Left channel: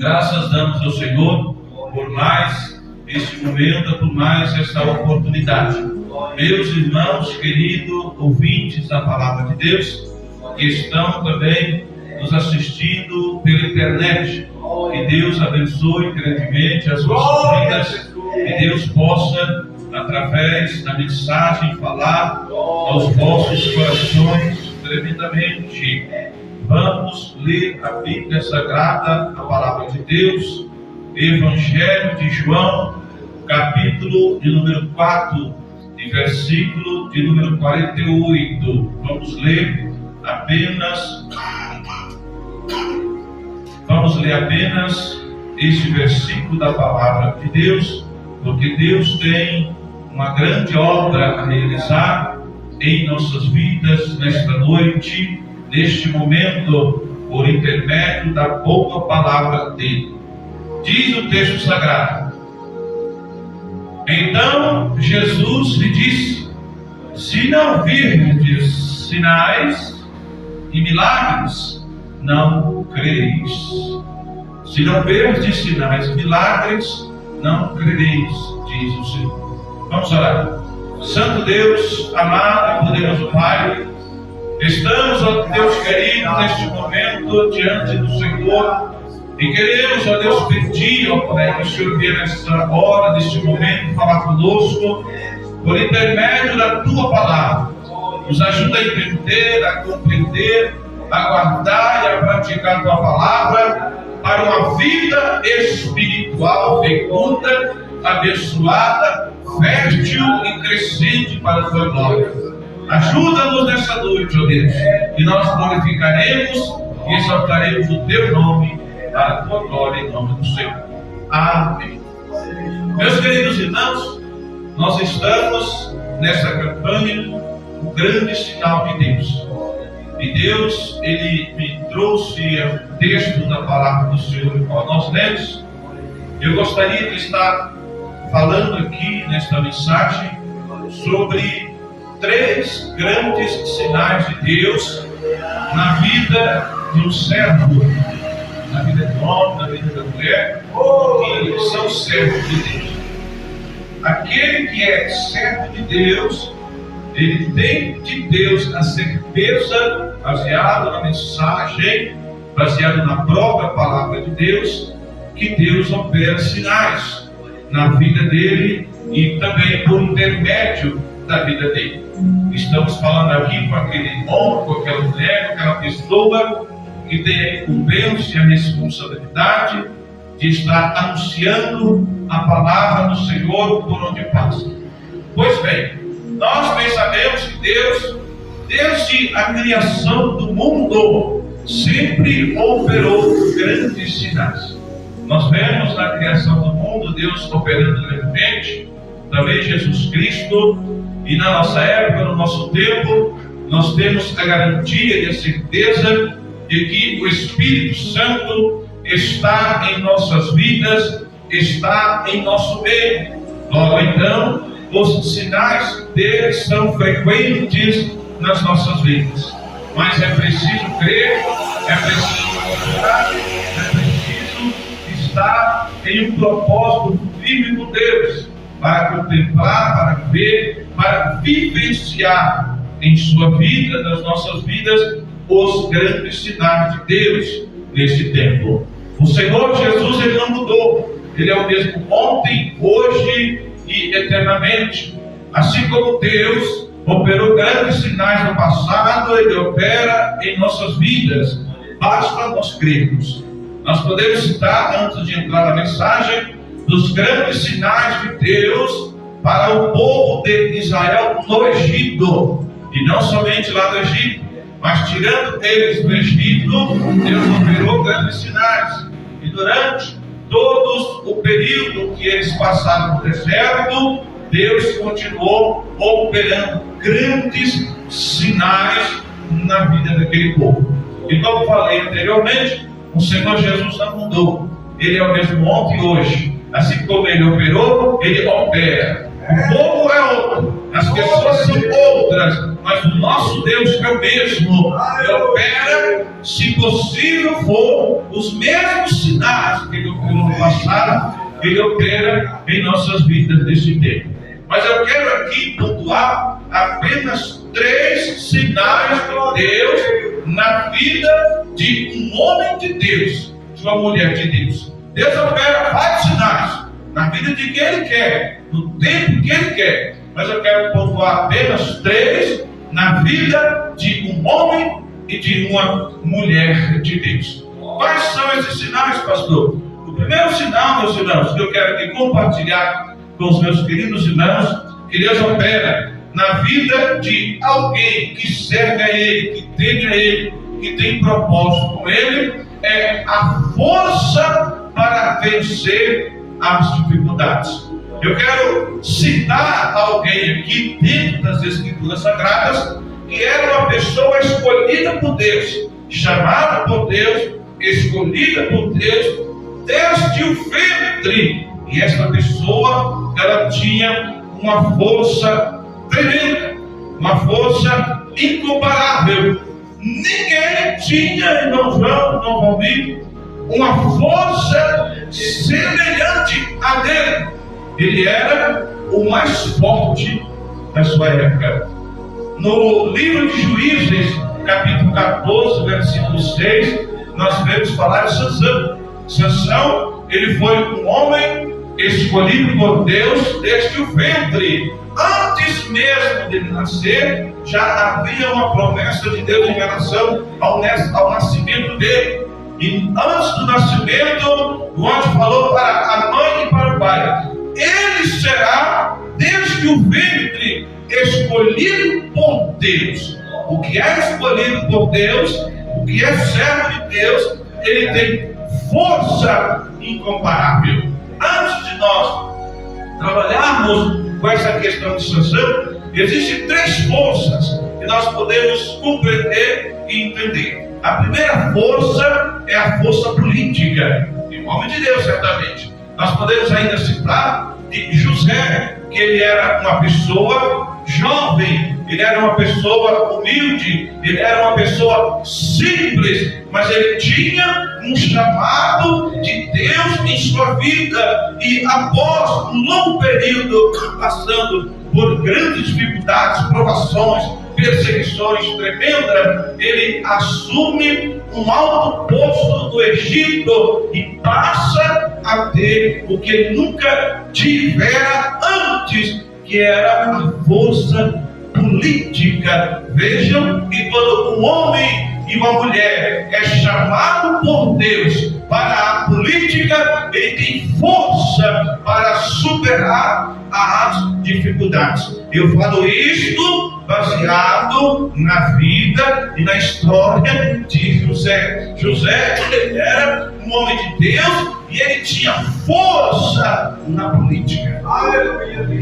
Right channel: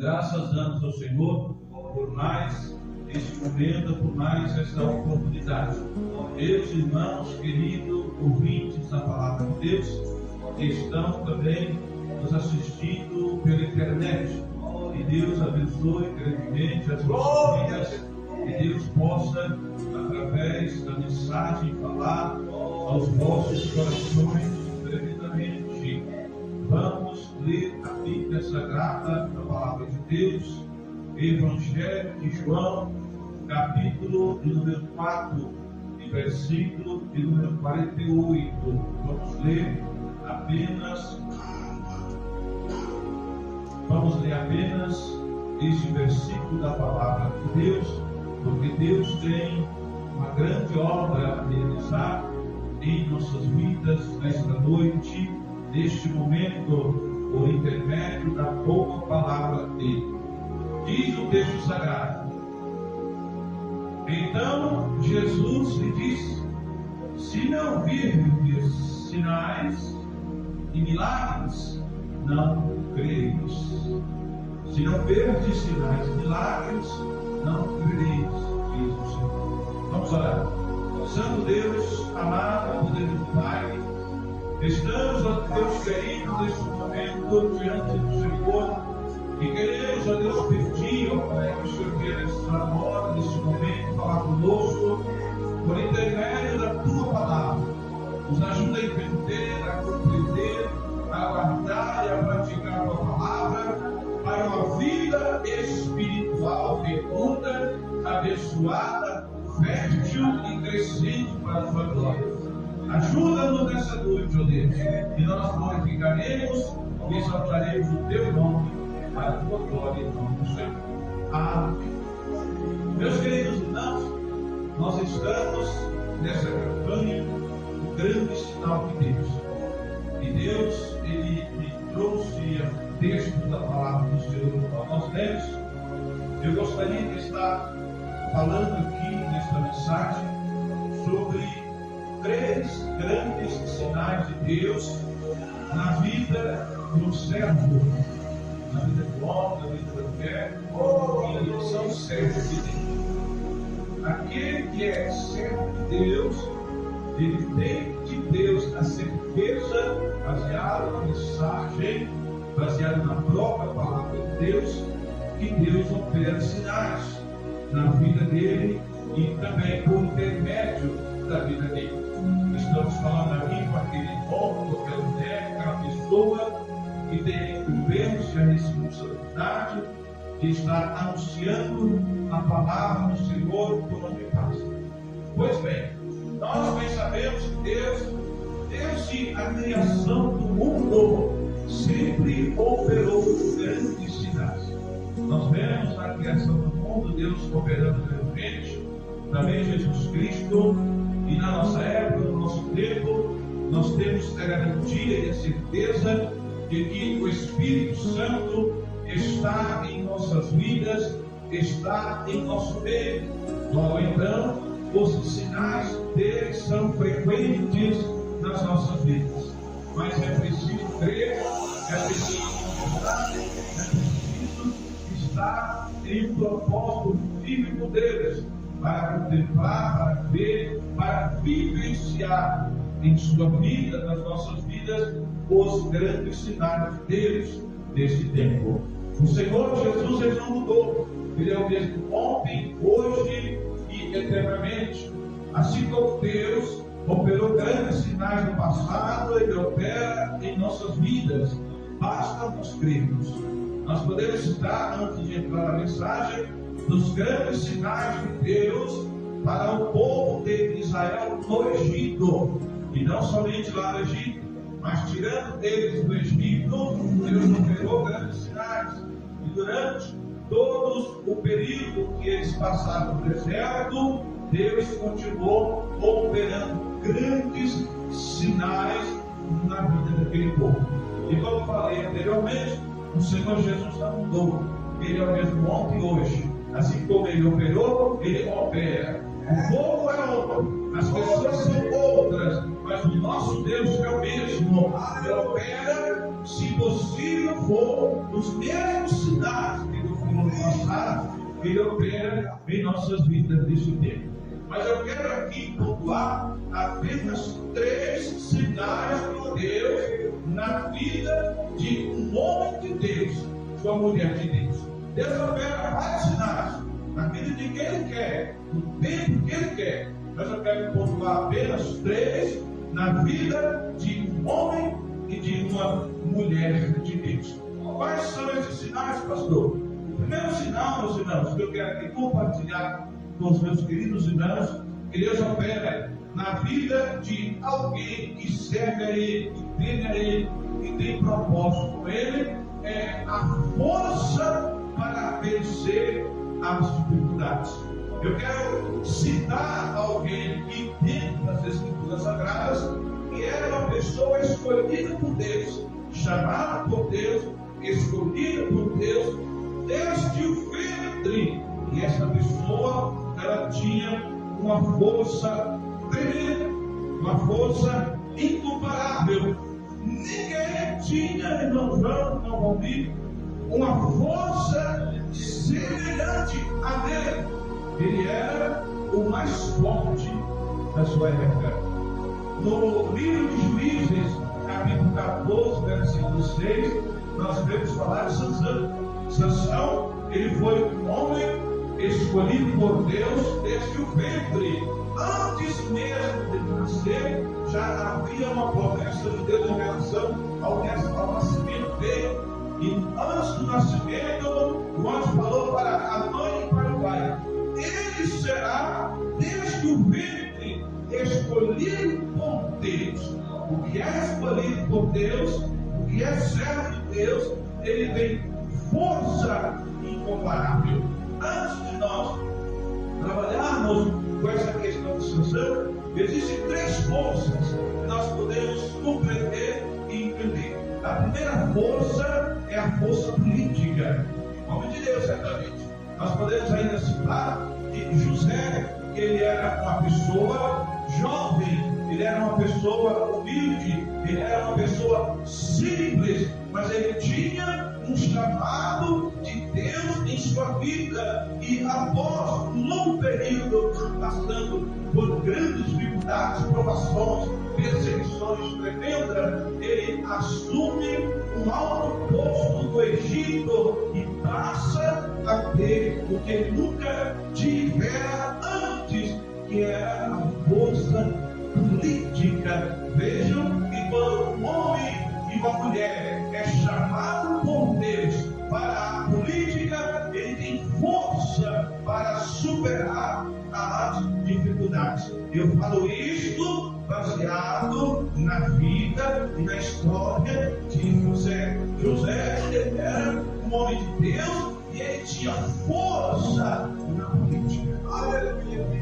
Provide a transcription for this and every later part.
Graças damos ao Senhor por mais este momento, por mais esta oportunidade. Meus irmãos, queridos ouvintes da Palavra de Deus, que estão também nos assistindo pela internet, que Deus abençoe grandemente as vossas vidas, que Deus possa, através da mensagem, falar aos vossos corações tremendamente. Vamos ler a Bíblia Sagrada, a Palavra de Deus, Evangelho de João, capítulo de número 4, e versículo de número 48. Vamos ler apenas este versículo da Palavra de Deus, porque Deus tem uma grande obra a realizar em nossas vidas nesta noite, neste momento, por intermédio da boa palavra dele. Diz o texto sagrado: Então Jesus lhe disse: Se não virdes sinais e milagres, não crereis. Se não verdes sinais e milagres, não crereis, diz o Senhor. Vamos orar. Santo Deus, amado e poderoso Pai, estamos, ó Deus querido, neste momento diante do Senhor e queremos, ó Deus, pedir, ó Pai, que o Senhor venha nesta hora, neste momento, falar conosco por intermédio da Tua Palavra. Nos ajuda a entender, a compreender, a guardar e a praticar a Tua Palavra para uma vida espiritual fecunda, abençoada, fértil e crescente para a Tua glória. Ajuda-nos nessa noite, ó Deus, e nós glorificaremos e exaltaremos o Teu nome para a Tua glória, em nome do Senhor. Amém. Meus queridos irmãos, nós estamos nessa campanha, o grande sinal de Deus. E Deus, Ele me trouxe o texto da palavra do Senhor, o qual nós lemos. Eu gostaria de estar falando aqui nesta mensagem sobre 3 grandes sinais de Deus na vida de um servo, na vida do homem, na vida da mulher, que são servos de Deus. Aquele que é servo de Deus, ele tem de Deus a certeza, baseado na mensagem, baseado na própria palavra de Deus, que Deus opera sinais na vida dele e também por intermédio da vida dele. Estamos falando aqui com aquele homem, com aquela mulher, com aquela pessoa que tem a incumbência e a responsabilidade de estar anunciando a palavra do Senhor por onde passa. Pois bem, nós bem sabemos que Deus, desde a criação do mundo, sempre operou grandes sinais. Nós vemos na criação do mundo Deus operando grandemente, também Jesus Cristo, e na nossa época, no nosso tempo, nós temos a garantia e a certeza de que o Espírito Santo está em nossas vidas, está em nosso meio. Logo então, os sinais dele são frequentes nas nossas vidas. Mas é preciso crer, é preciso confiar, é preciso estar em um propósito firme com Deus, para contemplar, para ver, para vivenciar em sua vida, nas nossas vidas, os grandes sinais de Deus neste tempo. O Senhor Jesus, Ele não mudou. Ele é o mesmo ontem, hoje e eternamente. Assim como Deus operou grandes sinais no passado, Ele opera em nossas vidas. Basta nós crermos. Nós podemos citar, antes de entrar na mensagem, dos grandes sinais de Deus para o povo de Israel no Egito. E não somente lá no Egito, mas tirando eles do Egito, Deus operou grandes sinais. E durante todo o período que eles passaram no deserto, Deus continuou operando grandes sinais na vida daquele povo. E como falei anteriormente, o Senhor Jesus não mudou. Ele é o mesmo ontem e hoje. Assim como Ele operou, Ele opera. O povo é outro, as pessoas são outras, mas o nosso Deus é o mesmo. Ele opera, se possível for, os mesmos sinais que passado, Ele opera em nossas vidas nesse tempo. Mas eu quero aqui pontuar apenas 3 sinais de Deus na vida de um homem de Deus, de uma mulher de Deus. Deus opera vários sinais na vida de quem Ele quer, no tempo que Ele quer. Mas eu quero pontuar apenas 3 na vida de um homem e de uma mulher de Deus. Quais são esses sinais, pastor? O primeiro sinal, meus irmãos, que eu quero aqui compartilhar com os meus queridos irmãos, que Deus opera na vida de alguém que serve a Ele, que teme a Ele, que tem propósito com Ele, é a força para vencer as dificuldades. Eu quero citar alguém aqui dentro das Escrituras Sagradas, que era uma pessoa escolhida por Deus, chamada por Deus, escolhida por Deus, desde o ventre. E essa pessoa, ela tinha uma força tremenda, uma força incomparável. Ninguém tinha, irmão João, irmão Valmir, uma força semelhante a dele. Ele era o mais forte da sua época. No livro de Juízes, capítulo 14, versículo 6, nós vemos falar de Sansão. Sansão, ele foi um homem escolhido por Deus desde o ventre. Antes mesmo dele nascer, já havia uma promessa de Deus em relação ao nascimento dele. E antes do nascimento, o anjo falou para a mãe e para o pai: ele será, desde o ventre, escolhido por Deus. O que é escolhido por Deus, o que é servo de Deus, ele tem força incomparável. Antes de nós trabalharmos com essa questão de Sansão, existem 3 forças que nós podemos compreender e entender. A primeira força é a força política, em nome de Deus, certamente. Nós podemos ainda citar de José, que ele era uma pessoa jovem, ele era uma pessoa humilde, ele era uma pessoa simples, mas ele tinha um chamado de Deus em sua vida. E após um longo período passando por grandes dificuldades, provações, perseguições tremendas, ele assume um alto posto do Egito e passa a ter o que ele nunca tivera antes, que era a força política. Vejam que quando um homem e uma mulher é chamado por Deus para a política, ele tem força para superar as dificuldades. Eu falo isto baseado na vida e na história de José. José, ele era um homem de Deus e ele tinha força na política.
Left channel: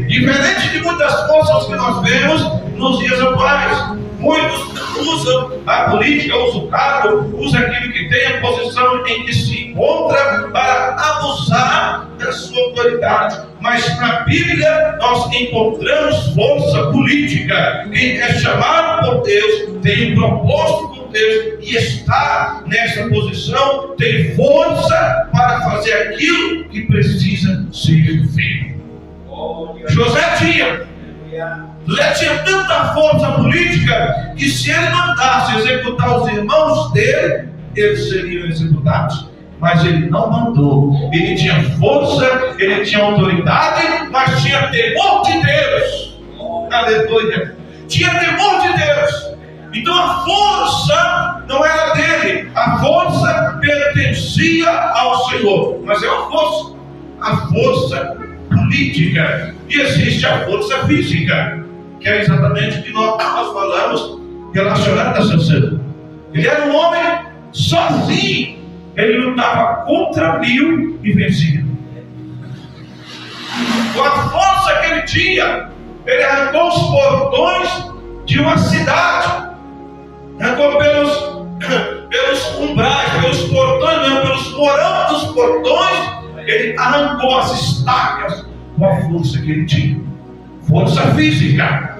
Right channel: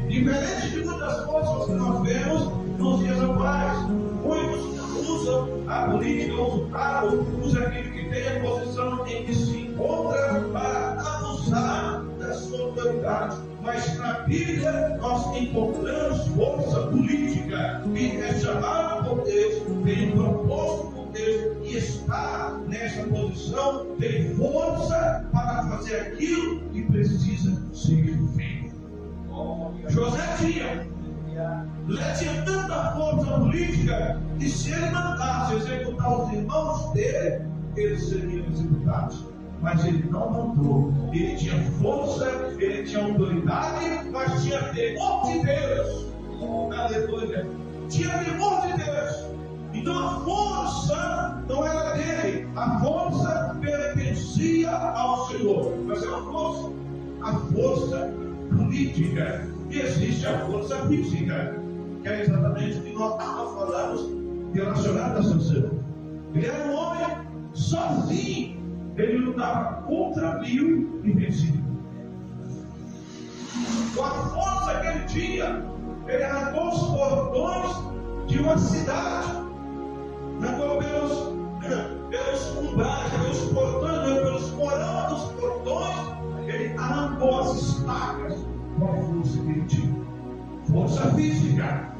Diferente de muitas forças que nós vemos nos dias atuais. Muitos usam a política, usam o cargo, usam aquilo que tem a posição em que se encontra para abusar da sua autoridade. Mas na Bíblia nós encontramos força política. Quem é chamado por Deus, tem um propósito por Deus e está nessa posição, tem força para fazer aquilo que precisa ser feito. José tinha tanta força política que se ele mandasse executar os irmãos dele, eles seriam executados. Mas ele não mandou. Ele tinha força, ele tinha autoridade, mas tinha temor de Deus. Aleluia. Tinha temor de Deus. Então a força não era dele, a força pertencia ao Senhor. Mas é a força política. E existe a força física, que é exatamente o que nós falamos relacionado a Sansão. Ele era um homem sozinho, ele lutava contra 1000 e vencia. Com a força que ele tinha, ele arrancou os portões de uma cidade, arrancou pelos umbrais, pelos portões, não, pelos porões dos portões, ele arrancou as estacas com a força que ele tinha. Força física.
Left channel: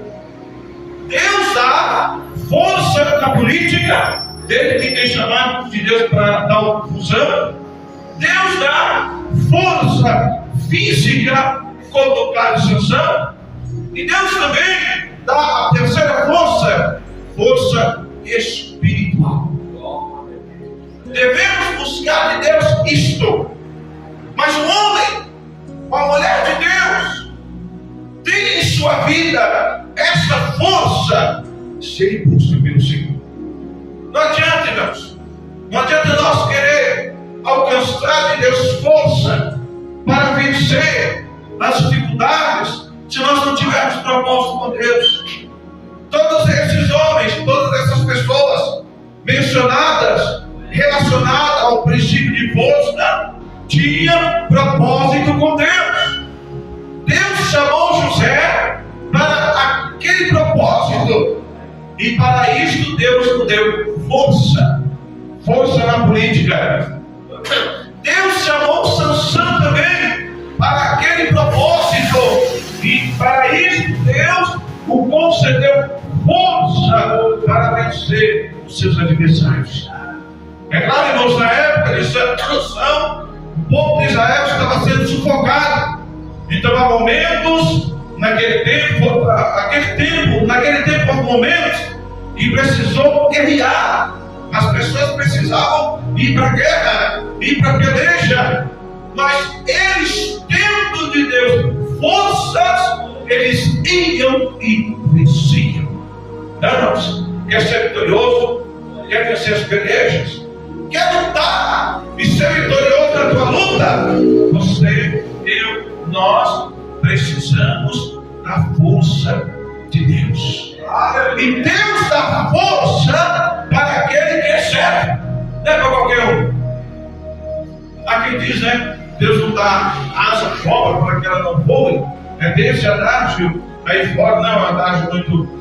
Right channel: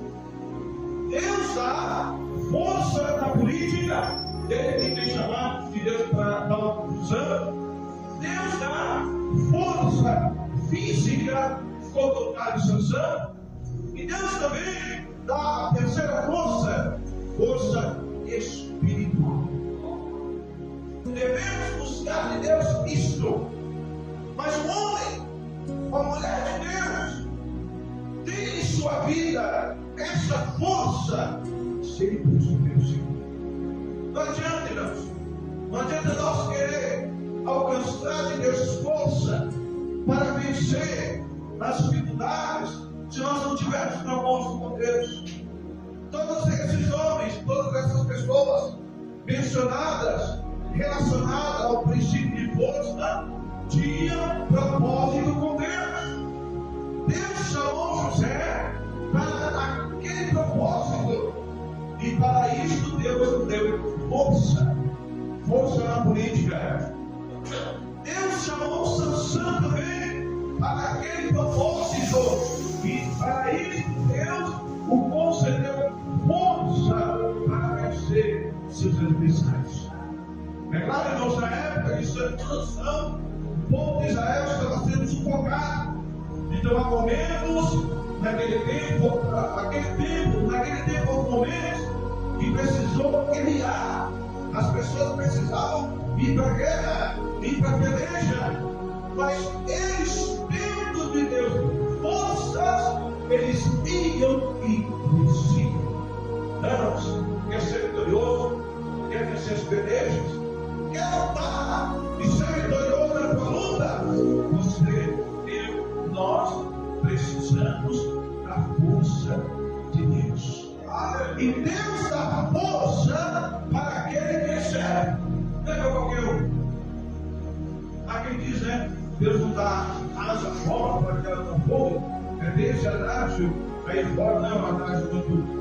Deus dá força na política. Ele que tem chamado de Deus para dar uma fusão. Deus dá força física, como no caso de Sansão. E Deus também dá a terceira força, força espiritual. Devemos buscar de Deus isto. Mas o homem, a mulher de Deus, tem em sua vida esta força se ele busca pelo Senhor. Não adianta, irmãos. Não adianta nós querer alcançar de Deus força para vencer as dificuldades se nós não tivermos propósito com Deus. Todos esses homens, todas essas pessoas mencionadas, relacionadas ao princípio de força, tinham propósito com Deus. Deus chamou José para aquele propósito, e para isso Deus nos deu força na política. Deus chamou Sansão também para aquele propósito, e para isso Deus o concedeu força para vencer os seus adversários. É claro, irmãos, na época de Sansão, o povo de Israel estava sendo sufocado. Então há momentos, naquele tempo há momentos que precisou guerrear. As pessoas precisavam ir para a guerra, ir para a peleja. Mas eles, tendo de Deus forças, eles iam e venciam. Não, quer ser vitorioso, quer vencer as pelejas, quer lutar e ser vitorioso na tua luta. Você, eu, nós precisamos da força de Deus. E Deus dá força para aquele que recebe, não é para qualquer um. Há quem diz, né? Deus não dá asa fora para que ela não voe. É desse adágio aí fora, não é um adágio muito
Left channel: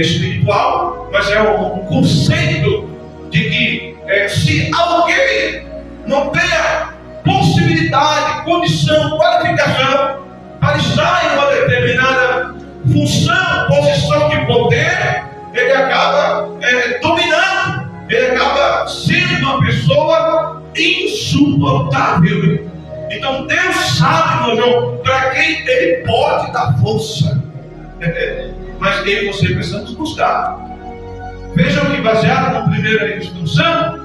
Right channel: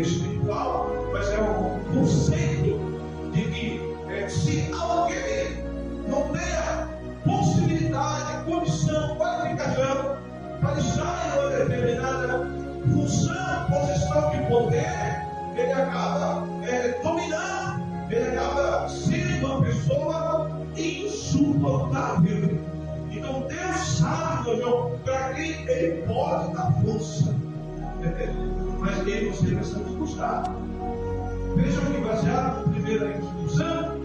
espiritual, mas é um conceito de que se alguém não tenha possibilidade, condição, qualificação para estar em uma determinada função, posição de poder, ele acaba dominando, ele acaba sendo uma pessoa insuportável. Então Deus sabe, meu irmão, para quem ele pode dar força. Mas eu e você precisamos buscar. Vejam que, baseado na primeira instrução,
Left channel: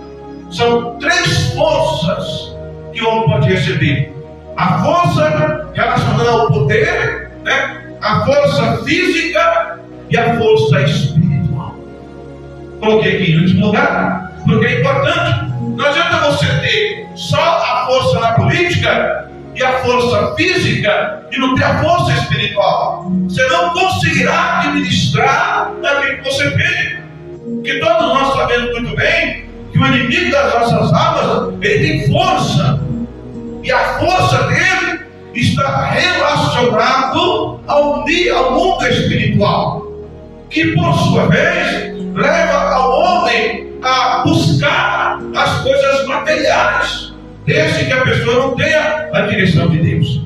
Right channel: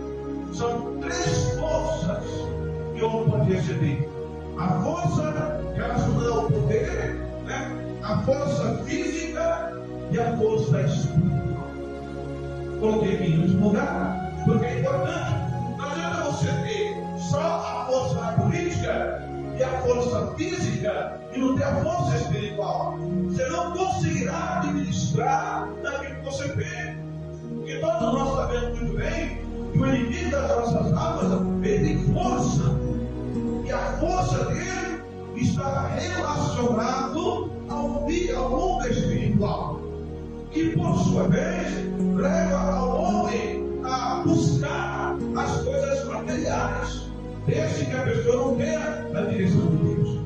são 3 forças que o homem pode receber: a força relacionada ao poder, né? A força física e a força espiritual. Coloquei aqui em último lugar, porque é importante. Não adianta você ter só a força na política e a força física e não ter a força espiritual. Você não conseguirá administrar aquilo que você tem. Porque todos nós sabemos muito bem que o inimigo das nossas almas, ele tem força. E a força dele está relacionado ao mundo espiritual, que por sua vez leva ao homem a buscar as coisas materiais, desde que a pessoa não tenha a direção de Deus.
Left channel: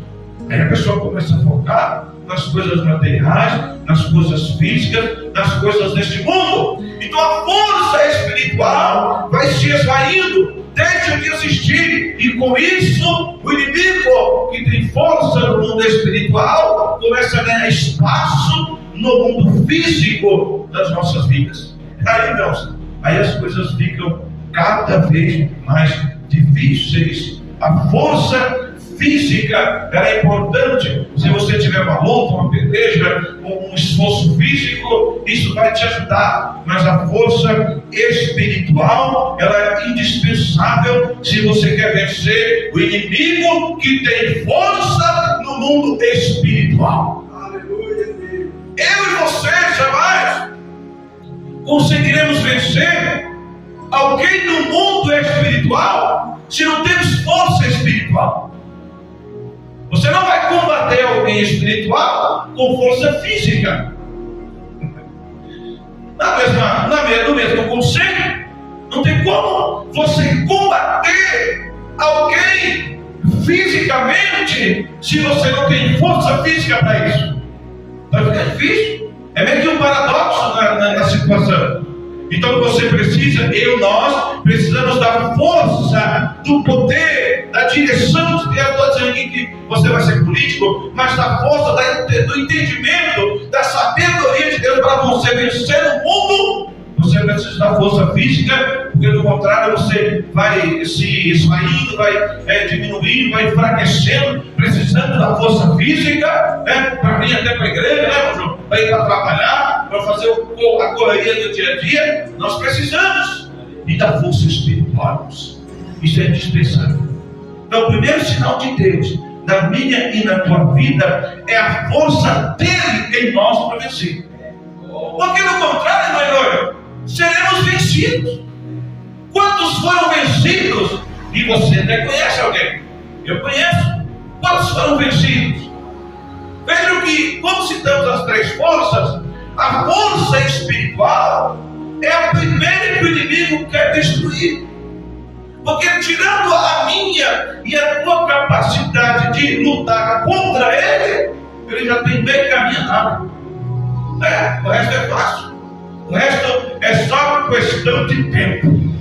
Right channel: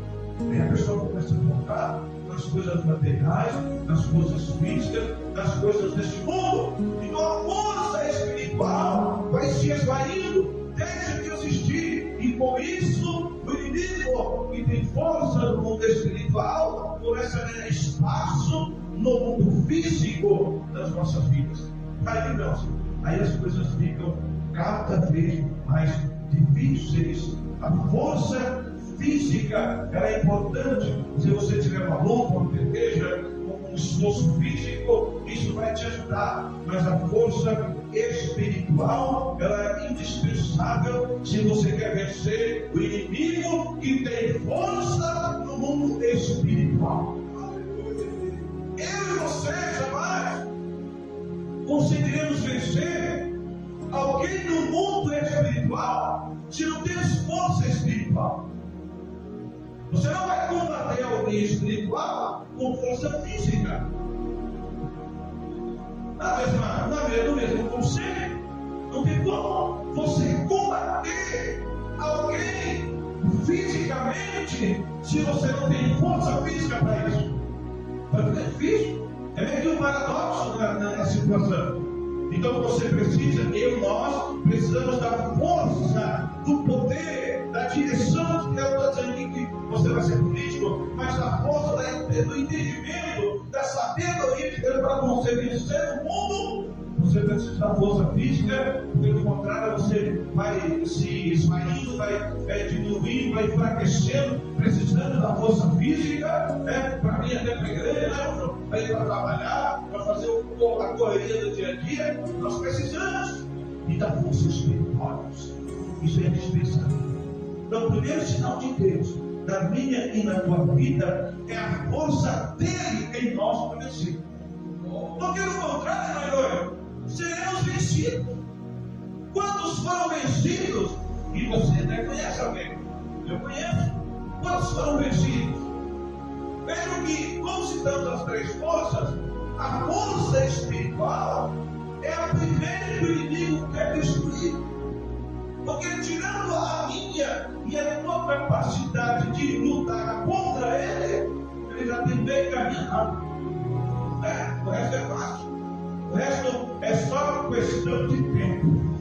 Aí a pessoa começa a focar nas coisas materiais, nas coisas físicas, nas coisas deste mundo. Então a força espiritual vai se esvaindo, deixa de existir, e com isso o inimigo que tem força no mundo espiritual começa a ganhar espaço no mundo físico das nossas vidas. Aí, irmãos, aí as coisas ficam cada vez mais difíceis. A força física é importante. Se você tiver uma luta, uma peleja, um esforço físico, isso vai te ajudar. Mas a força espiritual, ela é indispensável se você quer vencer o inimigo que tem força no mundo espiritual. Eu e você jamais conseguiremos vencer alguém no mundo espiritual se não temos força espiritual. Você não vai combater alguém espiritual com força física. No mesmo conceito, não tem como você combater alguém fisicamente se você não tem força física para isso. Vai ficar difícil. É meio que um paradoxo na situação. Então você precisa, nós precisamos da força, do poder, da direção. Eu estou dizendo você vai ser político, mas da força do entendimento, da sabedoria de Deus para você vencer o mundo. Você precisa da força física, porque do contrário você vai se esvaindo, vai diminuindo, vai enfraquecendo, precisando da força física, para vir até para a igreja, para ir para trabalhar, para fazer a correria do dia a dia. Nós precisamos e da força espiritual. Isso é indispensável. Então, o primeiro sinal de Deus na minha e na tua vida é a força dele em nós para vencer. Porque do contrário, Maior, seremos vencidos. Quantos foram vencidos? E você até conhece alguém? Eu conheço. Quantos foram vencidos? Vejam que, quando citamos as três forças, a força espiritual é a primeira que o inimigo quer destruir. Porque tirando a minha e a tua capacidade de lutar contra ele, ele já tem meio caminhado. O resto é fácil. O resto é só questão de tempo.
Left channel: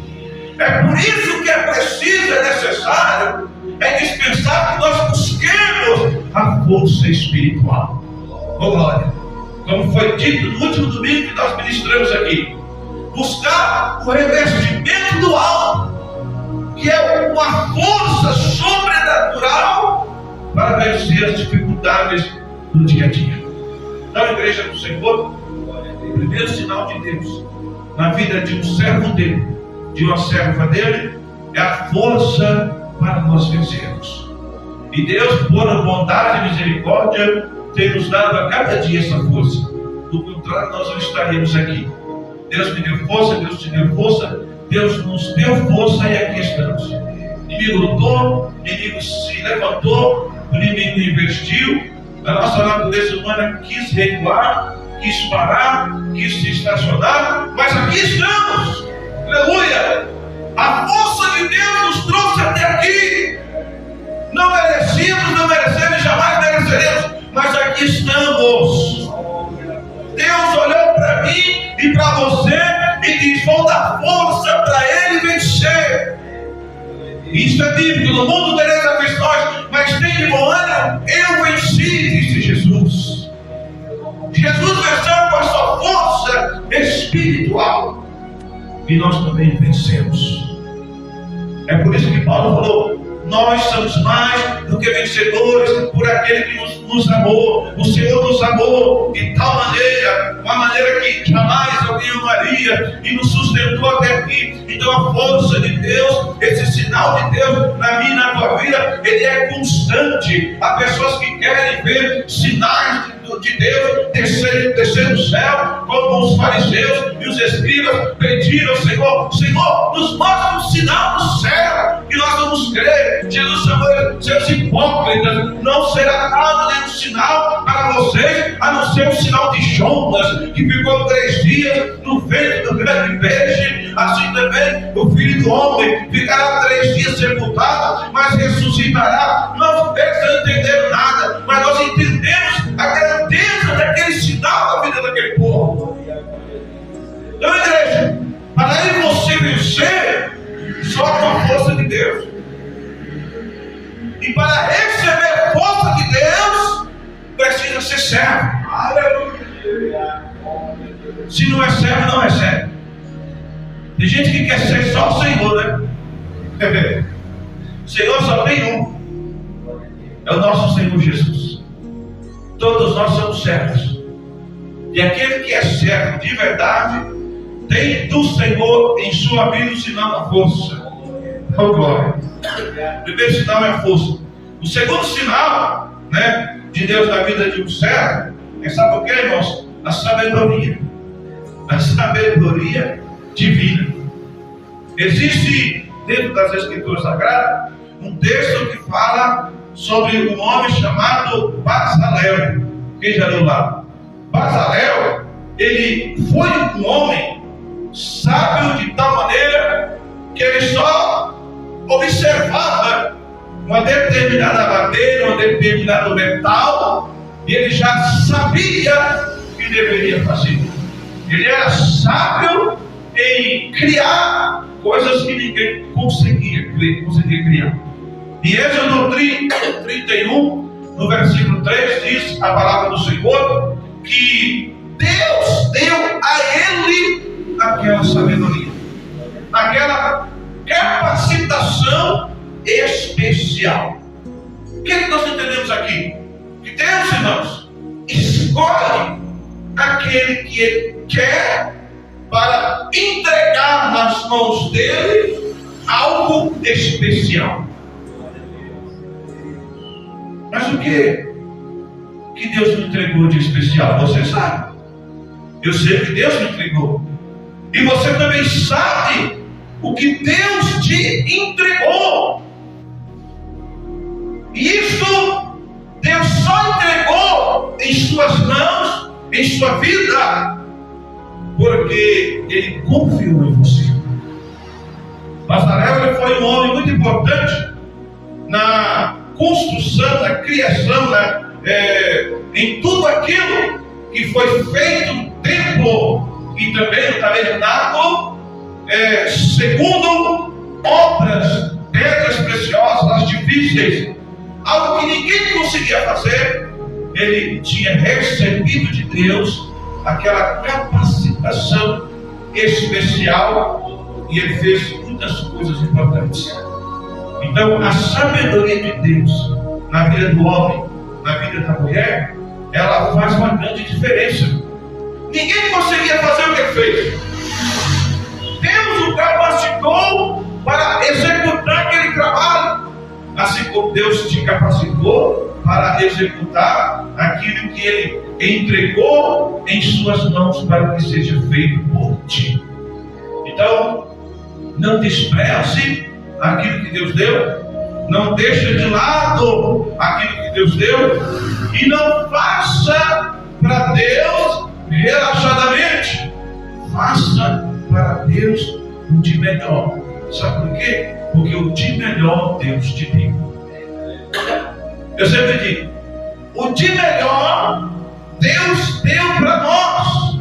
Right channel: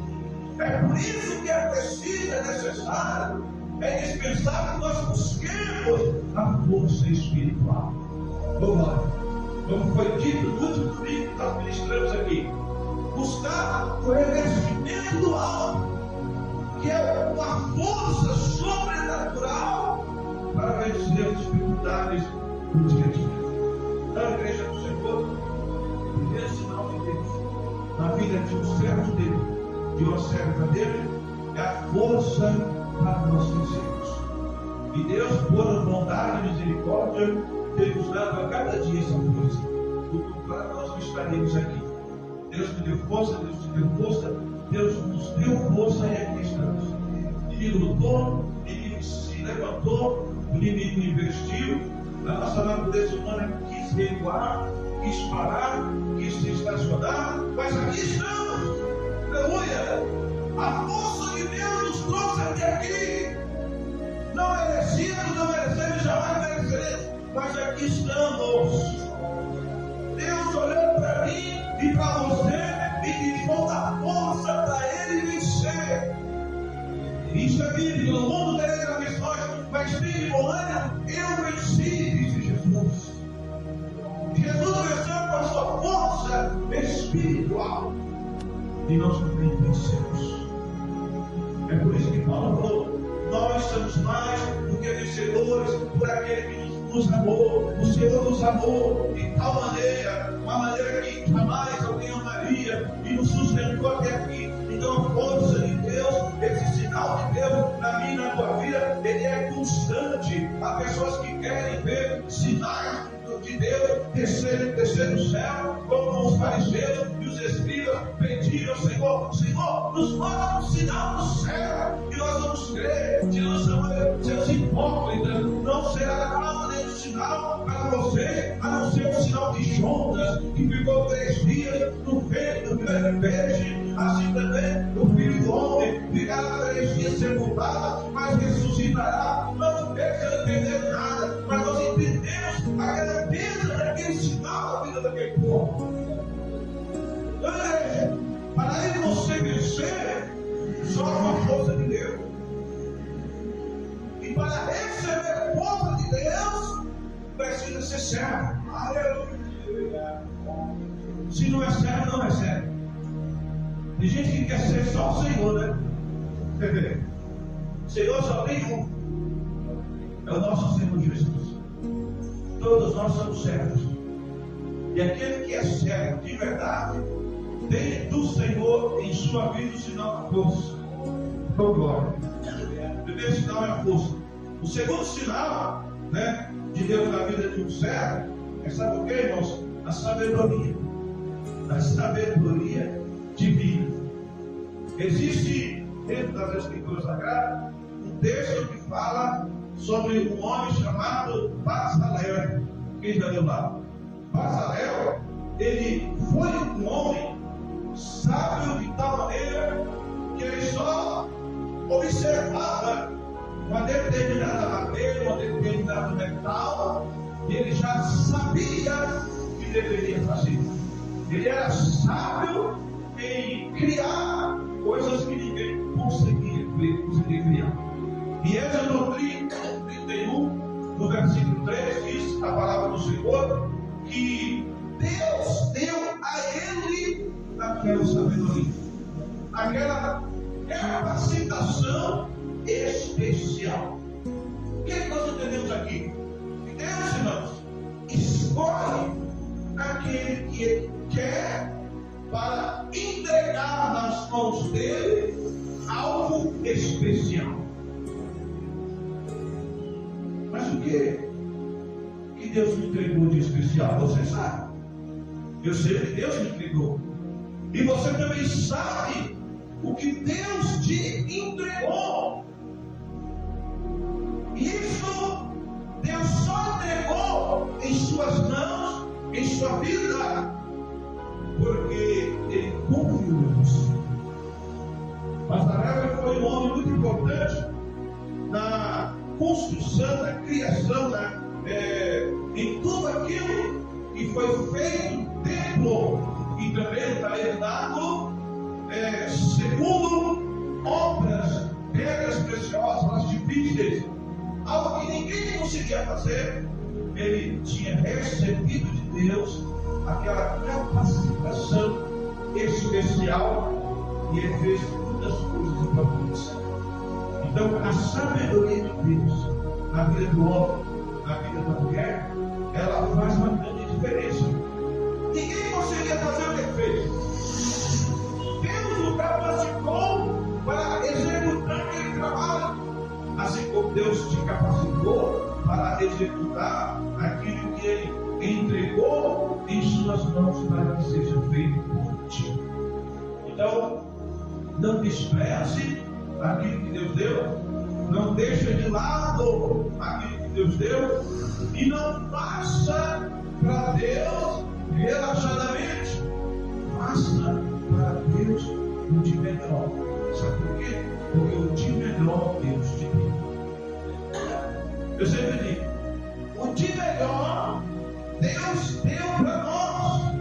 É por isso que é preciso, é necessário, é indispensável que nós busquemos a força espiritual. Oh glória! Como foi dito no último domingo que nós ministramos aqui, buscar o revestimento do alto, que é uma força sobrenatural para vencer as dificuldades do dia a dia. Então, a igreja do Senhor, o primeiro sinal de Deus na vida de um servo dele, de uma serva dele, é a força para nós vencermos. E Deus, por bondade e misericórdia, tem nos dado a cada dia essa força. Do contrário, nós não estaríamos aqui. Deus me deu força, Deus te deu força, Deus nos deu força e aqui estamos. O inimigo lutou, o inimigo se levantou, o inimigo investiu, a nossa natureza humana quis recuar, quis parar, quis se estacionar, mas aqui estamos. Aleluia! A força de Deus nos trouxe até aqui. Não merecíamos, não merecemos e jamais mereceremos, mas aqui estamos. Deus olhou para mim e para você e diz: vou dar força para ele vencer. Isso é bíblico. No mundo tereis aflições, mas tem de bom ânimo, eu venci, disse Jesus. Jesus venceu com a sua força espiritual e nós também vencemos. É por isso que Paulo falou: nós somos mais do que vencedores por aquele que nos amou. O Senhor nos amou de tal maneira, uma maneira que jamais alguém amaria, e nos sustentou até aqui. Então a força de Deus, esse sinal de Deus na minha e na tua vida, ele é constante. Há pessoas que querem ver sinais de Deus descer do céu, como os fariseus e os escribas pediram ao Senhor: Senhor, nos mostra um sinal no céu que nós vamos crer. Jesus chamou seus hipócritas: não será dado nenhum sinal para vocês, a não ser um sinal de Jonas, que ficou 3 dias no ventre do grande peixe. Assim também o Filho do Homem ficará 3 dias sepultado, mas ressuscitará. Não entenderam nada, mas nós entendemos a grandeza daquele sinal na vida daquele povo. Então, igreja, para aí você vencer, só com a força de Deus. E para receber a força de Deus, precisa ser servo. Aleluia. Se não é servo, não recebe. Tem gente que quer ser só o Senhor, né? O Senhor só tem um. É o nosso Senhor Jesus. Todos nós somos servos. E aquele que é servo de verdade tem do Senhor em sua vida o sinal da força. Oh, glória. O primeiro sinal é a força. O segundo sinal, de Deus na vida de um servo é, sabe o que, irmãos? A sabedoria. A sabedoria divina. Existe dentro das Escrituras Sagradas um texto que fala sobre um homem chamado Bezalel. Quem já leu lá? Bezalel, ele foi um homem sábio de tal maneira que ele só observava uma determinada madeira, um determinado metal, e ele já sabia o que deveria fazer. Ele era sábio em criar coisas que ninguém conseguia criar. Em Êxodo 31, no versículo 3, diz a palavra do Senhor, que Deus deu a ele aquela sabedoria, aquela capacitação especial. O que nós entendemos aqui? Que Deus, irmãos, escolhe aquele que Ele quer para entregar nas mãos dele algo especial. Mas o que Deus me entregou de especial? Você sabe. Eu sei que Deus me entregou. E você também sabe o que Deus te entregou. E isso Deus só entregou em suas mãos, em sua vida, porque Ele confiou em você. Bazarel foi um homem muito importante na construção, na criação, em tudo aquilo que foi feito no templo e também no tabernáculo, segundo obras, pedras preciosas, as difíceis, algo que ninguém conseguia fazer. Ele tinha recebido de Deus aquela capacitação especial e ele fez muitas coisas importantes. Então, a sabedoria de Deus na vida do homem, na vida da mulher, ela faz uma grande diferença. Ninguém conseguia fazer o que ele fez. Deus o capacitou para executar aquele trabalho, assim como Deus te capacitou para executar aquilo que Ele entregou em suas mãos para que seja feito por ti. Então, não despreze aquilo que Deus deu, não deixe de lado aquilo que Deus deu e não faça para Deus relaxadamente. Faça para Deus o de melhor. Sabe por quê? Porque o de melhor Deus te deu. Eu sempre digo, o de melhor Deus deu para nós.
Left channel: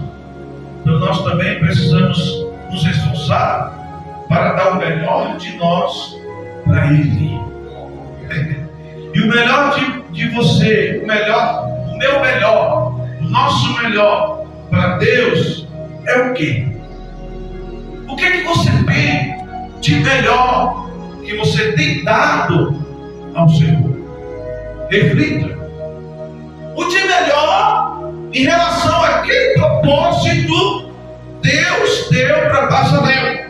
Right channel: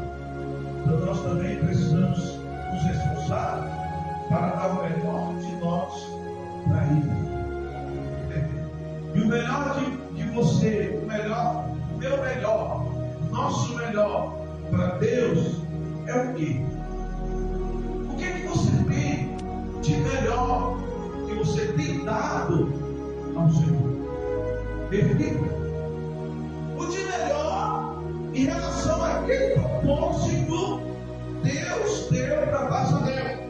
Então nós também precisamos nos esforçar para dar o melhor de nós para Ele. E o melhor de você, o meu melhor, o nosso melhor para Deus é o quê? O que é que você tem de melhor que você tem dado ao Senhor? Reflita. O de melhor em relação àquele propósito Deus deu para Bazarel.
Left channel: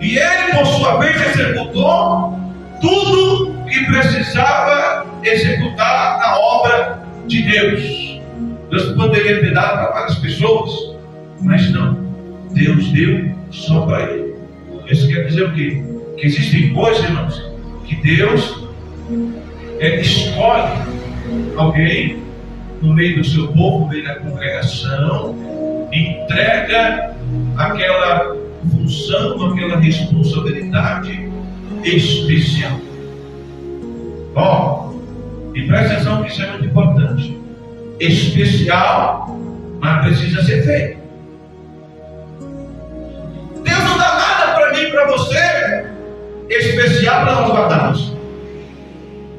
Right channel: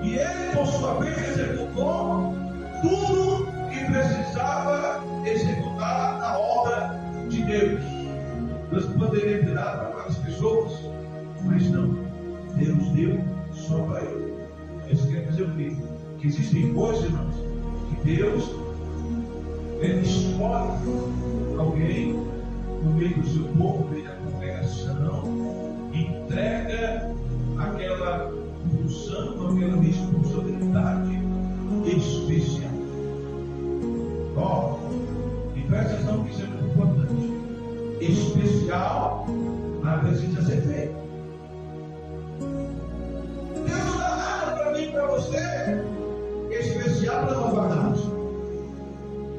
E ele, por sua vez, executou tudo que precisava executar na obra de Deus. Deus poderia ter dado para várias pessoas, mas não. Deus deu só para ele. Isso quer dizer o quê? Que existem coisas, irmãos, que Deus Ele escolhe alguém no meio do seu povo, no meio da congregação, entrega aquela função, aquela responsabilidade especial. Bom, e presta atenção que isso é muito importante. Especial, mas precisa ser feito. Deus não dá nada para mim e para você especial para nós guardarmos.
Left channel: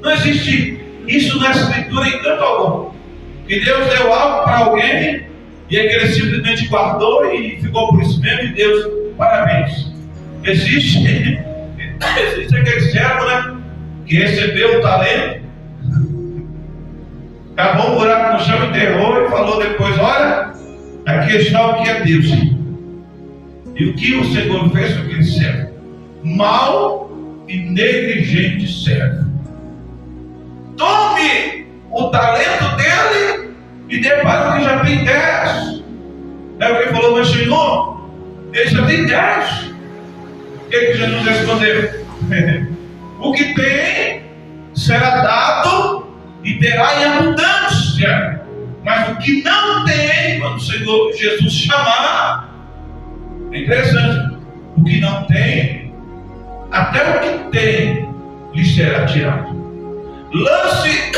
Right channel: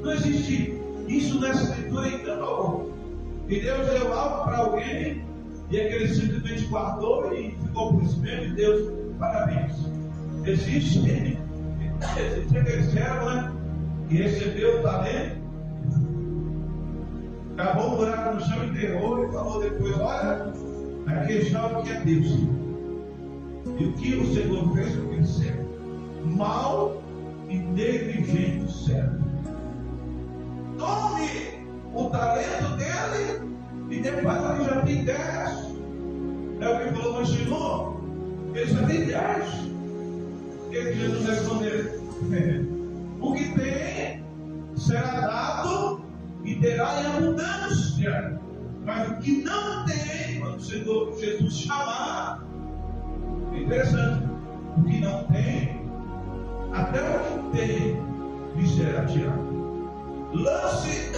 Não existe isso na Escritura em canto algum. Que Deus deu algo para alguém e é que ele simplesmente guardou e ficou por isso mesmo, e Deus, parabéns. Existe aquele servo, né, que recebeu o talento, cavou um buraco no chão, enterrou e falou depois: olha, aqui está o que é Deus. E o que o Senhor fez com aquele servo? Mau e negligente servo. Tome o talento dele e dê para o que já tem 10. É o que ele falou: mas Senhor, ele já tem 10. O que Jesus respondeu? O que tem será dado e terá em abundância. Mas o que não tem, quando o Senhor Jesus chamar, é interessante, o que não tem, até o que tem lhe será tirado. Lance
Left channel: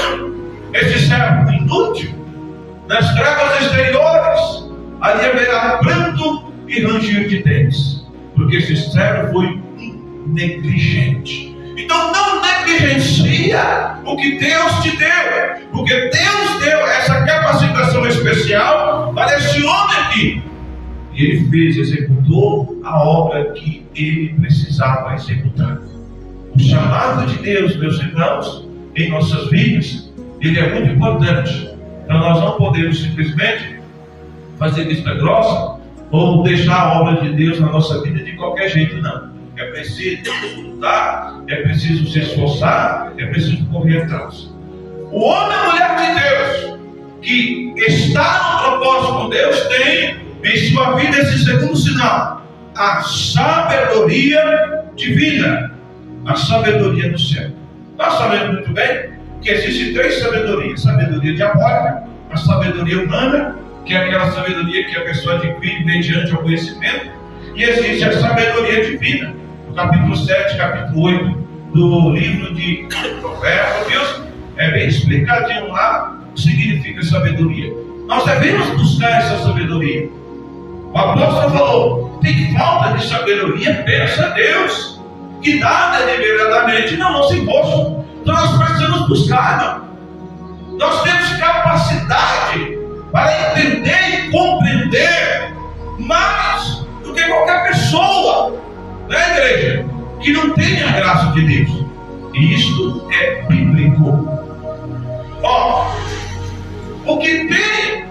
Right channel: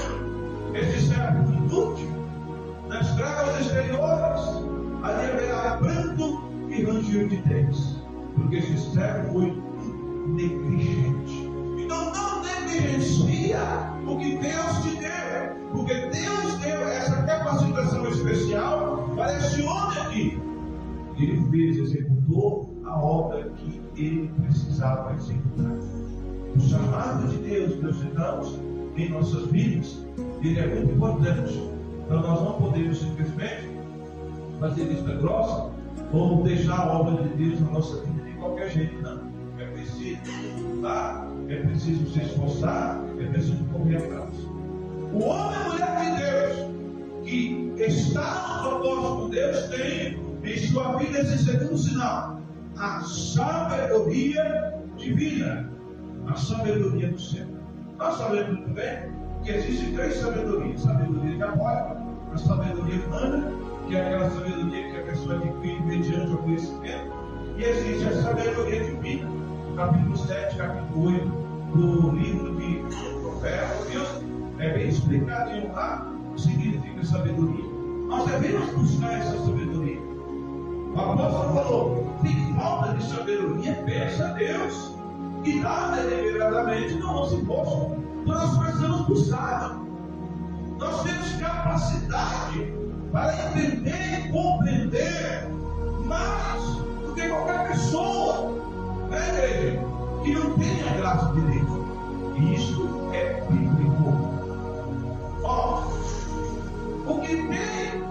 esse servo inútil nas trevas exteriores, ali haverá pranto e ranger de dentes, porque esse servo foi negligente. Então não negligencie negligencia o que Deus te deu, porque Deus deu essa capacitação especial para esse homem aqui. E ele fez, executou a obra que ele precisava executar. O chamado de Deus, meus irmãos, em nossas vidas, ele é muito importante. Então nós não podemos simplesmente fazer vista grossa ou deixar a obra de Deus na nossa vida de qualquer jeito, não. É preciso lutar, é preciso se esforçar, é preciso correr atrás. O homem e mulher de Deus que está no propósito com Deus tem em sua vida esse segundo sinal: a sabedoria divina, a sabedoria do céu. Nós sabemos muito bem que existem três sabedorias: sabedoria diabólica, a sabedoria humana, que é aquela sabedoria que a pessoa adquire mediante o conhecimento, e existe a sabedoria divina. No capítulo 7, capítulo 8 do livro de Provérbios, é bem explicadinho lá o que significa sabedoria. Nós devemos buscar essa sabedoria. O apóstolo falou: tem falta de sabedoria, peça a Deus, que dá deliberadamente não se imposto. Então nós precisamos buscar, irmão. Nós temos capacidade para entender e compreender mais do que qualquer pessoa, né, igreja, que não tenha a graça de Deus. E isto é bíblico. Ó, o que tem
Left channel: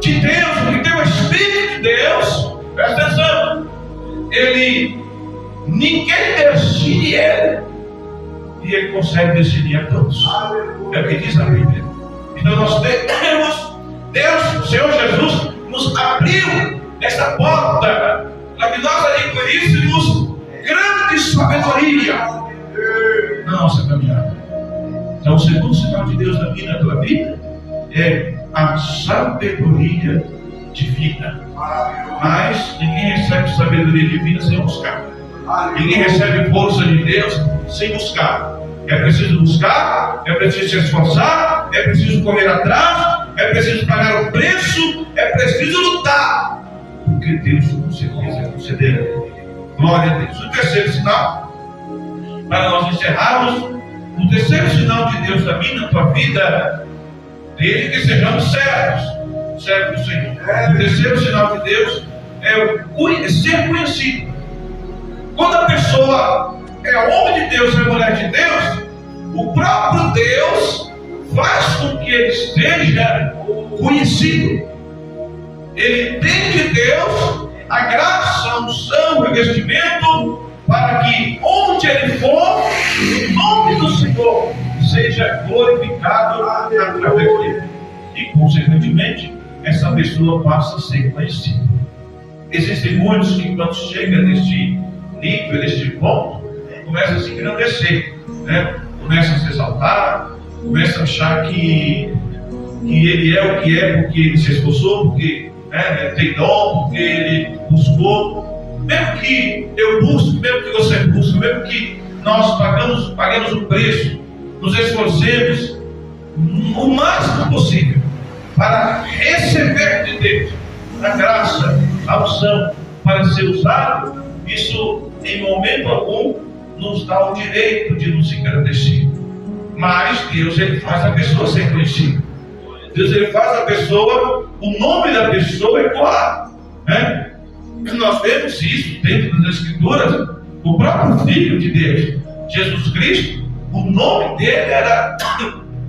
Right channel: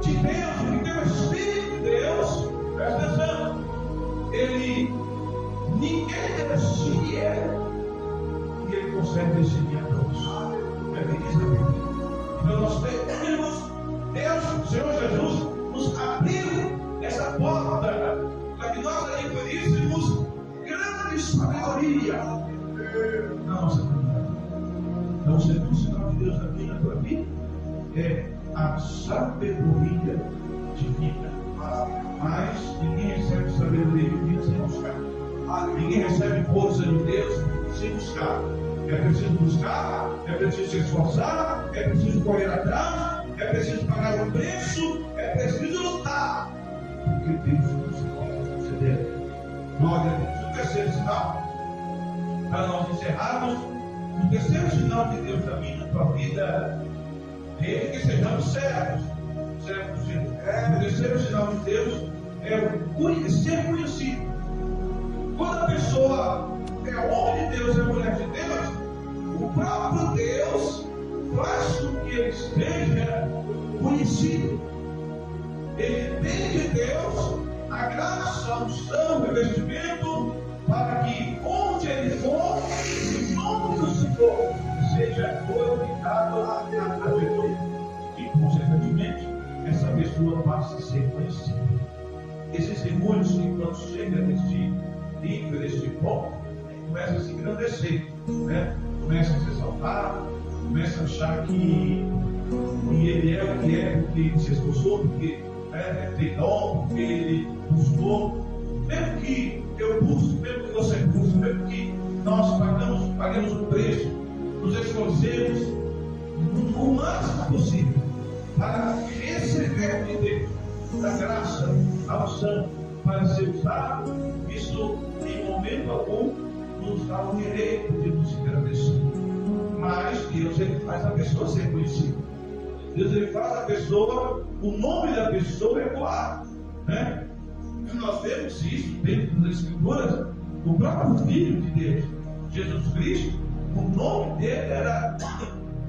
de Deus, o que tem o Espírito de Deus, presta atenção, ninguém decide ele, e ele consegue decidir a todos. É o que diz a Bíblia. Então nós temos Deus, o Senhor Jesus, nos abriu essa porta para que nós adquiríssemos grande sabedoria na nossa caminhada. Então o segundo sinal de Deus na minha e na tua vida é a sabedoria divina. Mas ninguém recebe sabedoria divina sem buscar. Ninguém recebe força de Deus sem buscar. É preciso buscar, é preciso se esforçar, é preciso correr atrás, é preciso pagar o preço, é preciso lutar, porque Deus com certeza concederá. Glória a Deus. O terceiro sinal, para nós encerrarmos, o terceiro sinal de Deus na minha e na tua vida, desde que sejamos servos do Senhor. O terceiro sinal de Deus é ser conhecido. Quando a pessoa é homem de Deus, é mulher de Deus, o próprio Deus faz com que ele seja conhecido. Ele tem de Deus a graça, a unção, o revestimento, para que onde ele for, o nome do Senhor seja glorificado através dele. E, consequentemente, essa pessoa passa a ser conhecida. Existem muitos que, quando chegam neste nível, neste ponto, começam a se engrandecer, né? Começam a se exaltar, começam a achar que ele é o que é porque ele se esforçou, porque ele tem dom, porque ele buscou. Mesmo que eu busque, mesmo que você busque, mesmo que nós paguemos o preço, nos esforcemos o máximo possível para receber de Deus a graça, a unção, para ser usado, isso em momento algum nos dá o direito de nos engrandecer. Mas Deus, ele faz a pessoa ser conhecida. Deus, ele faz a pessoa, o nome da pessoa ecoar, né? Nós vemos isso dentro das Escrituras. O próprio Filho de Deus, Jesus Cristo, o nome dele era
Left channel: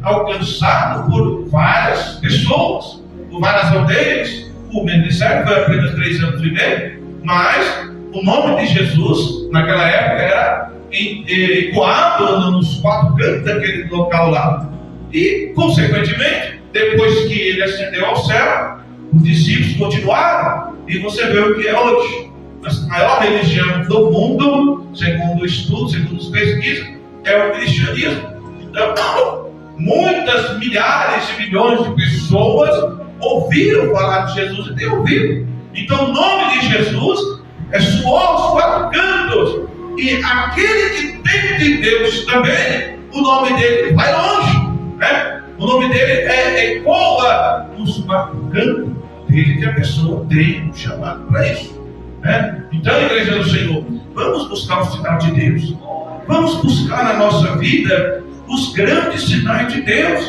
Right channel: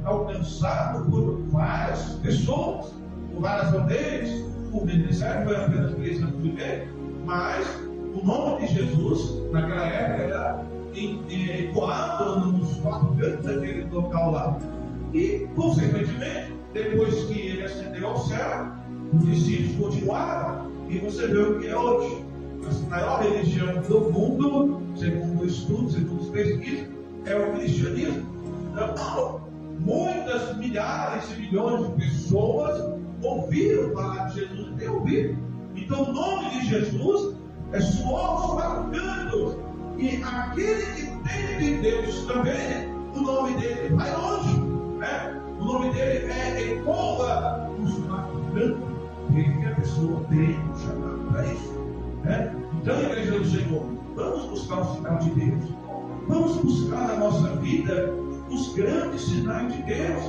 alcançado por várias pessoas, por várias aldeias. O ministério foi apenas 3 anos e meio, mas o nome de Jesus naquela época era ecoado nos 4 cantos daquele local lá. E, consequentemente, depois que ele ascendeu ao céu, os discípulos continuaram. E você vê o que é hoje. A maior religião do mundo, segundo o estudo, segundo as pesquisas, é o cristianismo. Então, muitas milhares de milhões de pessoas ouviram falar de Jesus e têm ouvido. Então, o nome de Jesus soou aos 4 cantos. E aquele que tem de Deus também, o nome dele vai longe, né? O nome dele ecoa nos 4 cantos, desde que a pessoa tem um chamado para isso, né? Então, igreja do Senhor, vamos buscar o sinal de Deus. vamos buscar na nossa vida os grandes sinais de Deus.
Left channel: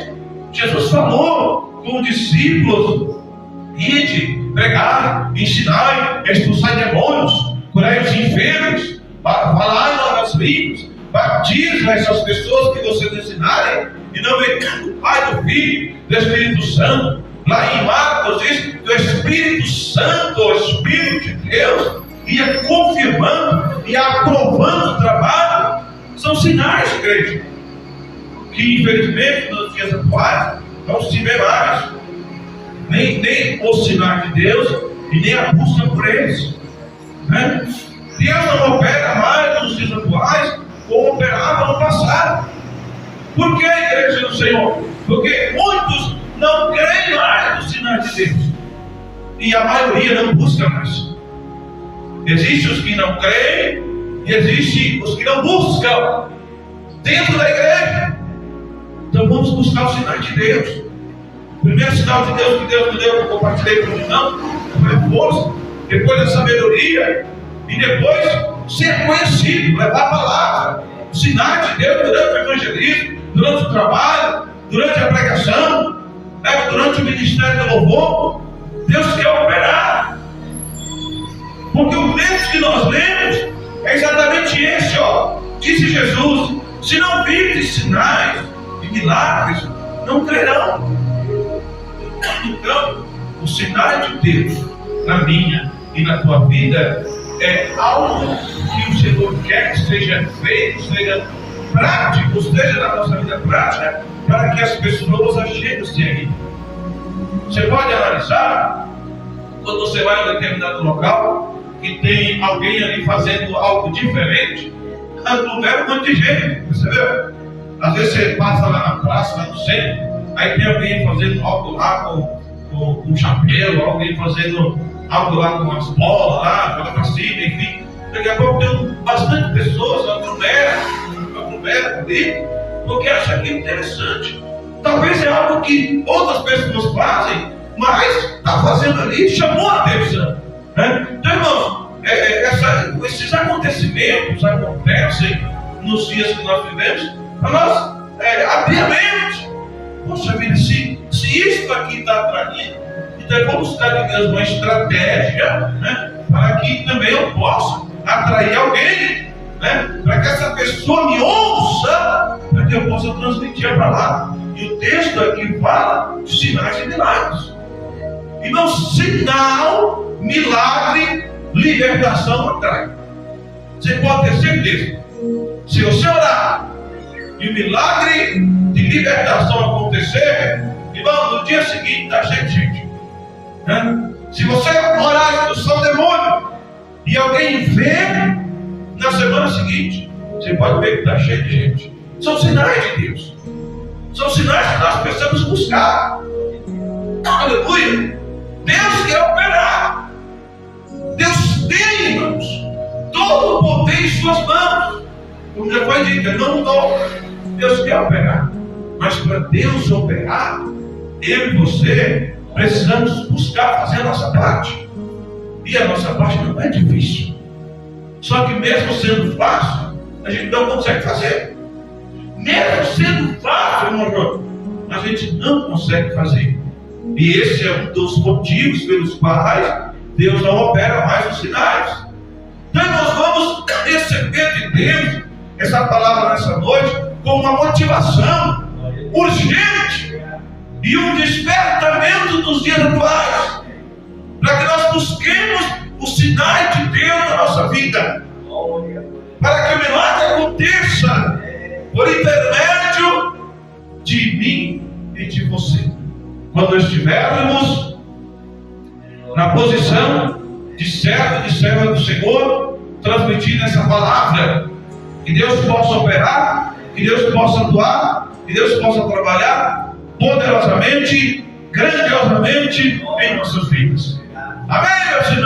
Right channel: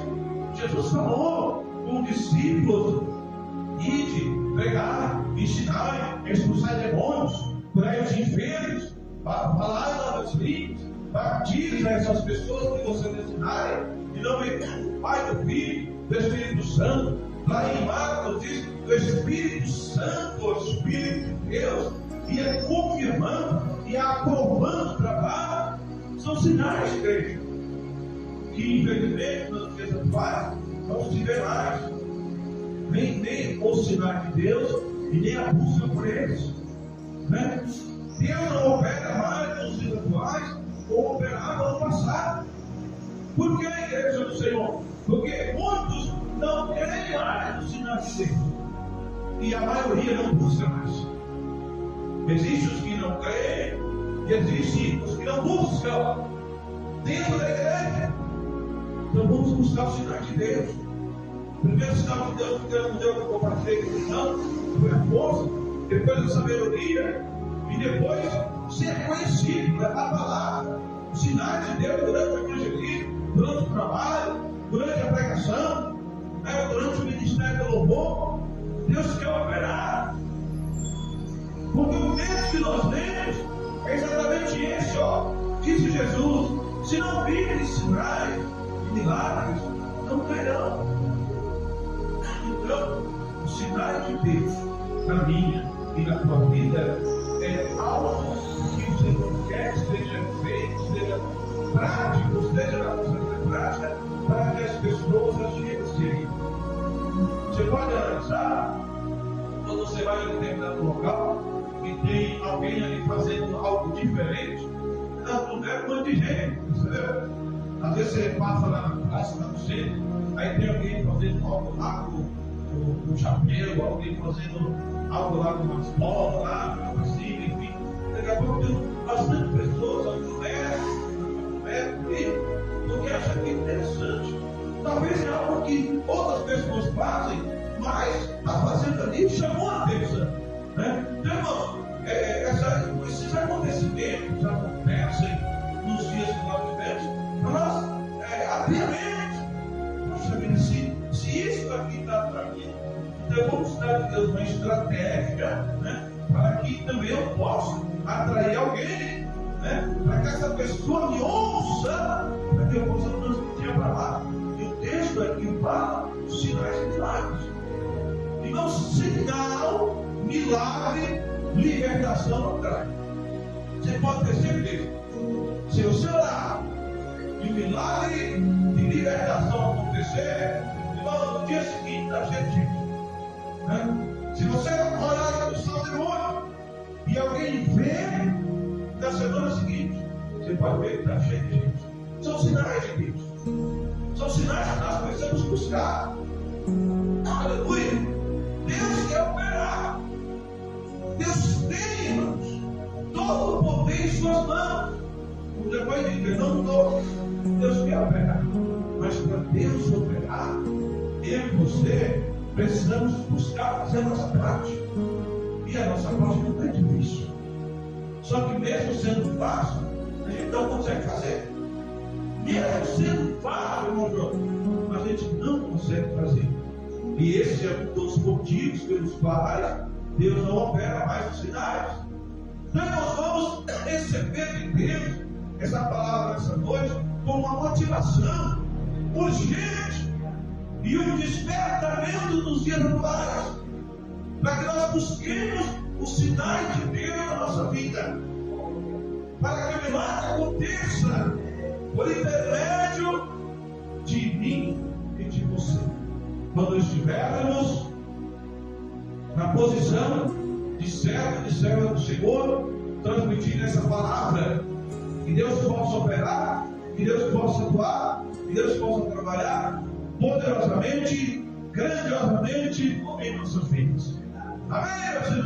Jesus falou com os discípulos: ide, pregai, ensinai, expulsai demônios, curai os enfermos, falai novas línguas, batizem essas pessoas que vocês ensinarem, e não vem do Pai, do Filho, do Espírito Santo. Lá em Marcos diz que o Espírito Santo, o Espírito de Deus, ia confirmando e aprovando o trabalho. São sinais, igreja, que infelizmente nos dias atuais não se vê mais. Nem os sinais de Deus e nem a busca por eles, né? Deus não opera mais nos dias atuais como operava no passado. Por que, igreja do Senhor? Porque muitos não creem mais nos sinais de Deus e a maioria não busca mais. Existem os que não creem e existem os que não buscam dentro da igreja. Então vamos buscar os sinais de Deus. O primeiro sinal de Deus que Deus me deu, que eu compartilhei com o irmão, foi a força, depois a sabedoria, e depois ser conhecido, levar a palavra. Os sinais de Deus durante o evangelismo, durante o trabalho, durante a pregação, durante o ministério do louvor. Deus quer operar. Porque o texto que nós lemos é exatamente esse, ó. Disse Jesus: se não virdes sinais e milagres, não crerão. Então, o sinal de Deus na minha e na tua vida é algo que o Senhor quer que seja feito, seja prático, seja na nossa vida prática, para que as pessoas acheguem-se aí. Você pode analisar, quando você vai a um determinado local e tem alguém ali fazendo algo diferente, aglomera um monte de gente, percebeu? Às vezes você passa lá na praça, lá no centro, aí tem alguém fazendo algo lá com um chapéu, alguém fazendo algo lá com as bolas lá, joga pra cima, enfim. Daqui a pouco tem bastante pessoas, aglomera ali, porque acha aquilo interessante. Talvez é algo que outras pessoas fazem, mas está fazendo ali, chamou a atenção, né? Então, irmãos, esses acontecimentos acontecem nos dias que nós vivemos, para nós abrir a mente. Poxa vida, se isso aqui está atraindo, então vamos buscar de Deus uma estratégia, né, para que também eu possa atrair alguém, né, para que essa pessoa me ouça, para que eu possa transmitir para lá. E o texto aqui fala de sinais e milagres. Então, sinal, milagre, libertação atrai. Você pode ter certeza. Se você orar e o milagre de libertação acontecer, irmão, no dia seguinte está cheio de gente, né? Se você orar e expulsar o demônio e alguém vê, na semana seguinte você pode ver que está cheio de gente. São sinais de Deus. São sinais que nós precisamos buscar. Aleluia. Deus quer operar. Deus tem, irmãos, todo o poder em suas mãos. Como já foi dito, eu não dou. Deus quer operar. Mas para Deus operar, eu e você precisamos buscar fazer a nossa parte. E a nossa parte não é difícil. Só que mesmo sendo fácil, a gente não consegue fazer. Mesmo sendo fácil, irmão João, a gente não consegue fazer. E esse é um dos motivos pelos quais Deus não opera mais os sinais. Então nós vamos receber de Deus essa palavra nessa noite com uma motivação urgente e um despertamento dos dias atuais, para que nós busquemos os sinais de Deus na nossa vida, para que o milagre aconteça por intermédio de mim e de você. Quando estivermos na posição de servo, de serva do Senhor, transmitindo essa palavra, que Deus possa operar, que Deus possa atuar, que Deus possa trabalhar poderosamente, grandiosamente em nossas vidas. Amém, meus irmãos?